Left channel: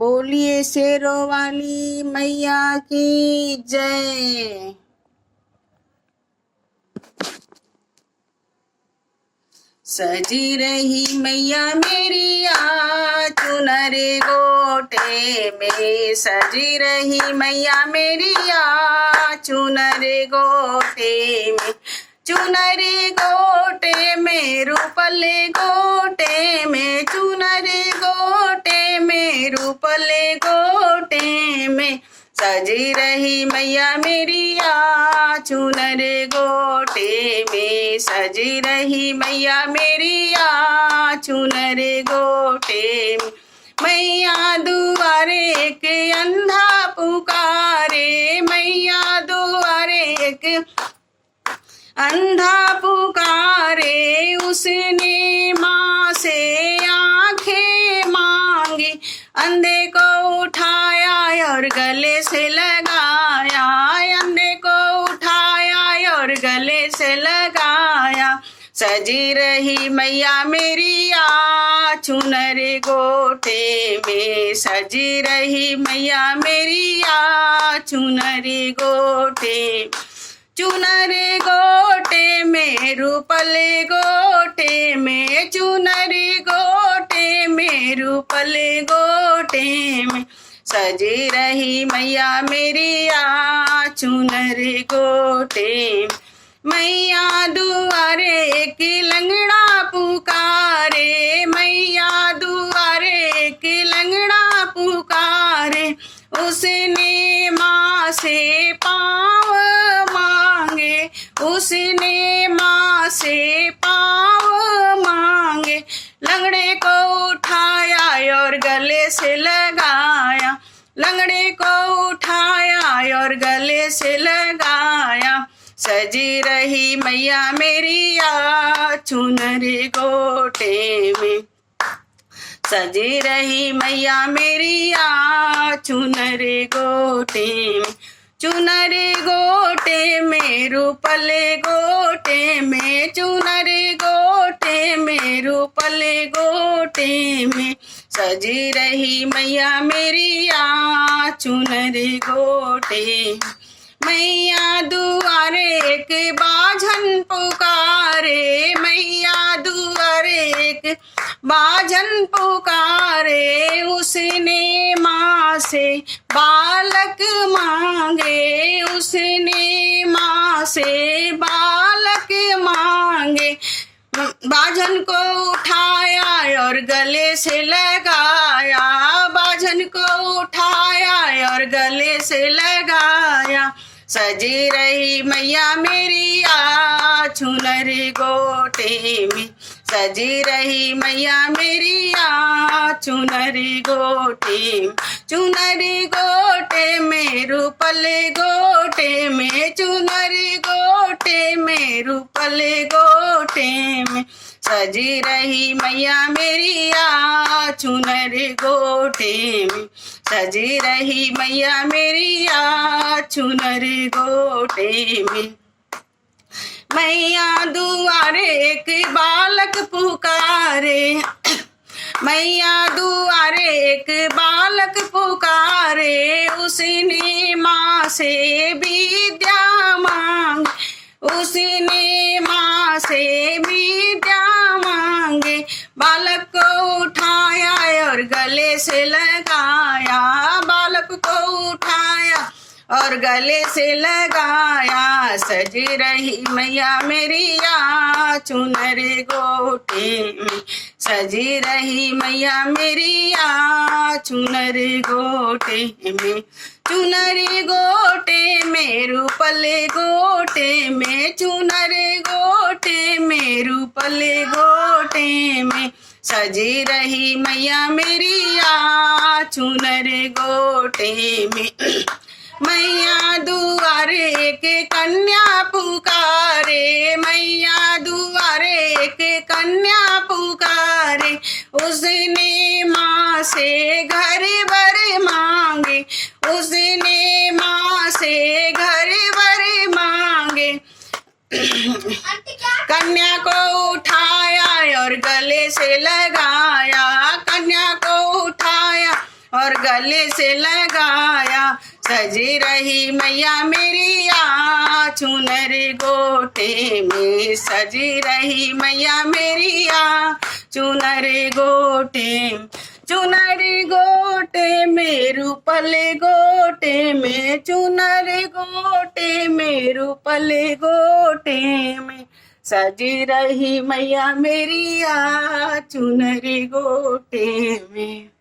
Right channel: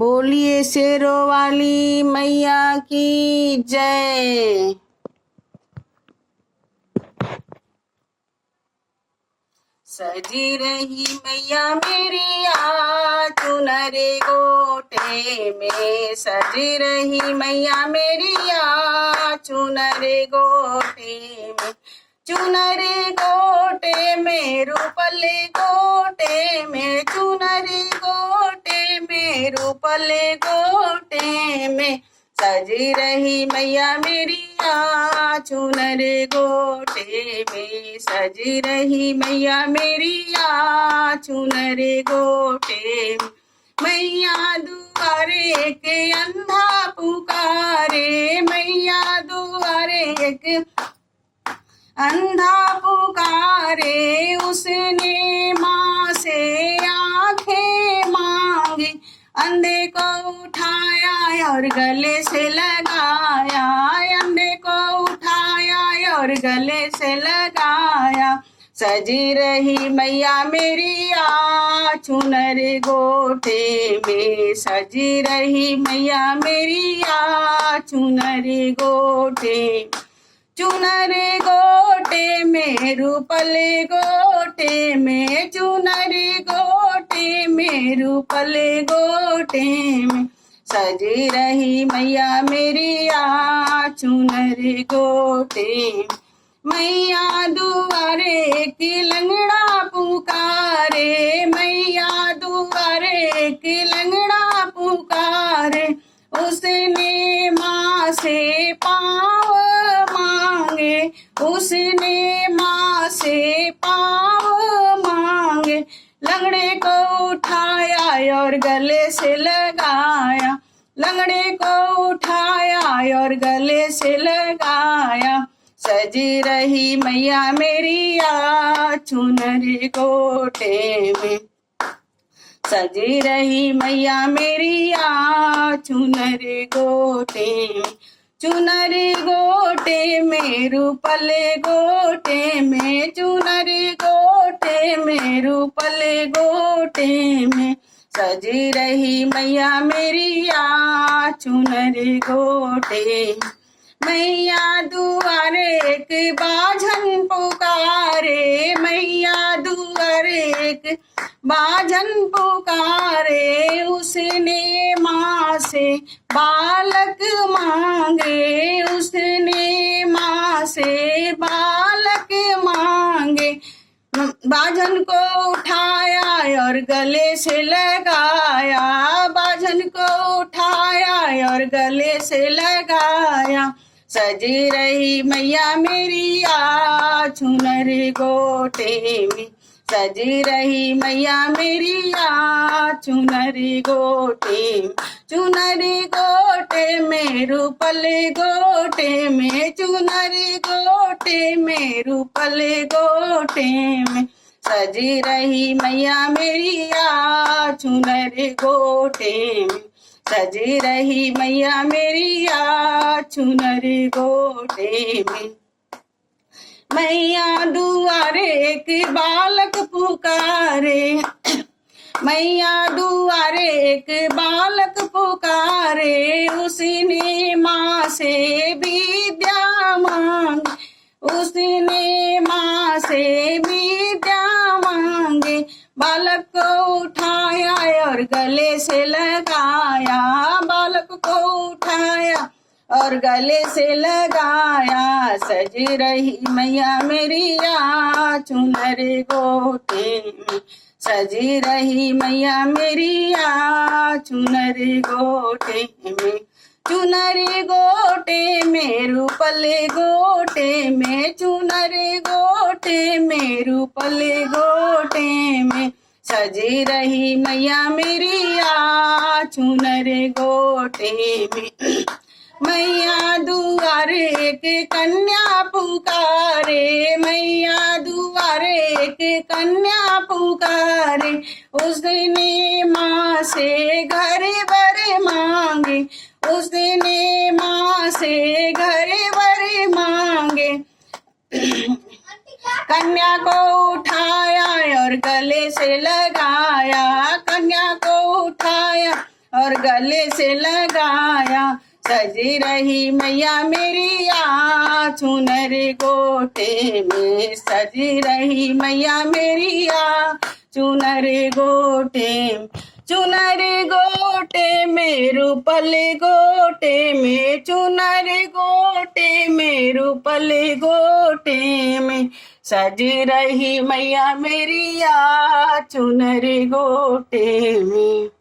बोलिए शेरों वाली मैया की जय। सजी रही मैया मेरी चुनर गोटे में, सजी रही मैया मेरी चुनर गोटे में, चुनर गोटे में रूपले गोटे में, चुनर गोटे में रूपले गोटे में, सजी रही मैया मेरी चुनर गोटे में, सजी रही मैया मेरी चुनर गोटे में। मैया दुआरे के अंधा पुकारे, मैया दुआरे के अंधा पुकारे, उसने माँ से आंखें मांगी, अंधे को उठाया और गले से लगाया, अंधे को उठाया और गले से लगाया। सजी रही मैया मेरी चुनर गोटे में, सजी रही मैया मेरी चुनर गोटे, चुनर गोटे में रूपले गोटे में, चुनर गोटे में रूपले गोटे में, सजी रही मैया मेरी चुनर गोटे। मैया दुआरे की लंगड़ा पुकारे, मैया दुआरे की लंगड़ा पुकारे, उसने माँ से पाँव मांगे, उसने माँ से पाँव मांगे, लंगड़े को उठाया और गले से लगाया, लंगड़े को उठाया और गले से लगाया। सजी रही मैया मेरी चुनर गोटे में, सजी रही मैया मेरी चुनर गोटे में, चुनर गोटे में रूपले गोटे में, चुनर गोटे में रूपले गोटे में, सजी रही मैया मेरी चुनर गोटे। मैया दुआरे एक बाझन पुकारे, मैया दुआरे एक बाझन पुकारे, उसने माँ से बालक मांगे, उसने माँ से बालक मांगे, बाझन को उठाया और गले से लगाया, बाझन को उठाया और गले से लगाया। सजी रही मैया मेरी चुनर गोटे में, सजी रही मैया मेरी चुनर गोटे, चुनर गोटे में रूपले गोटे में, चुनर गोटे में रूपले गोटे में, सजी रही मैया मेरी चुनर गोटे में, सजी रही मैया मेरी चुनर गोटे में। मैया दुआरे एक बालक पुकारे, मैया दुआरे एक बालक पुकारे, उसने माँ से विद्या मांग, उसने माँ से विद्या मांगे, बालक को उठाया और गले से लगाया, बालक को उठाया और गले से लगाया। सजी रही मैया मेरी चुनर गोटे में, सजी रही मैया मेरी चुनर गोटे में, चुनर गोटे में रूपले गोटे में, चुनर गोटे में रूपले गोटे में, सजी रही मैया मेरी चुनर गोटे में। मैया दुआरे के कन्या पुकारे, मैया दुआरे के कन्या पुकारे, उसने माँ से घर बर मांगे, उसने माँ से घर बर मांगे, कन्या को उठाया और गले से लगाया, कन्या को उठाया और गले से लगाया, सजी रही मैया मेरी आ चुनर गोटे में, सजी रही मैया मेरी आ चुनर गोटे, चुनर गोटे में रूपल गोटे में, चुनर गोटे में रूपल गोटे में, सजी रही मैया मेरी आ चुनर गोटे में।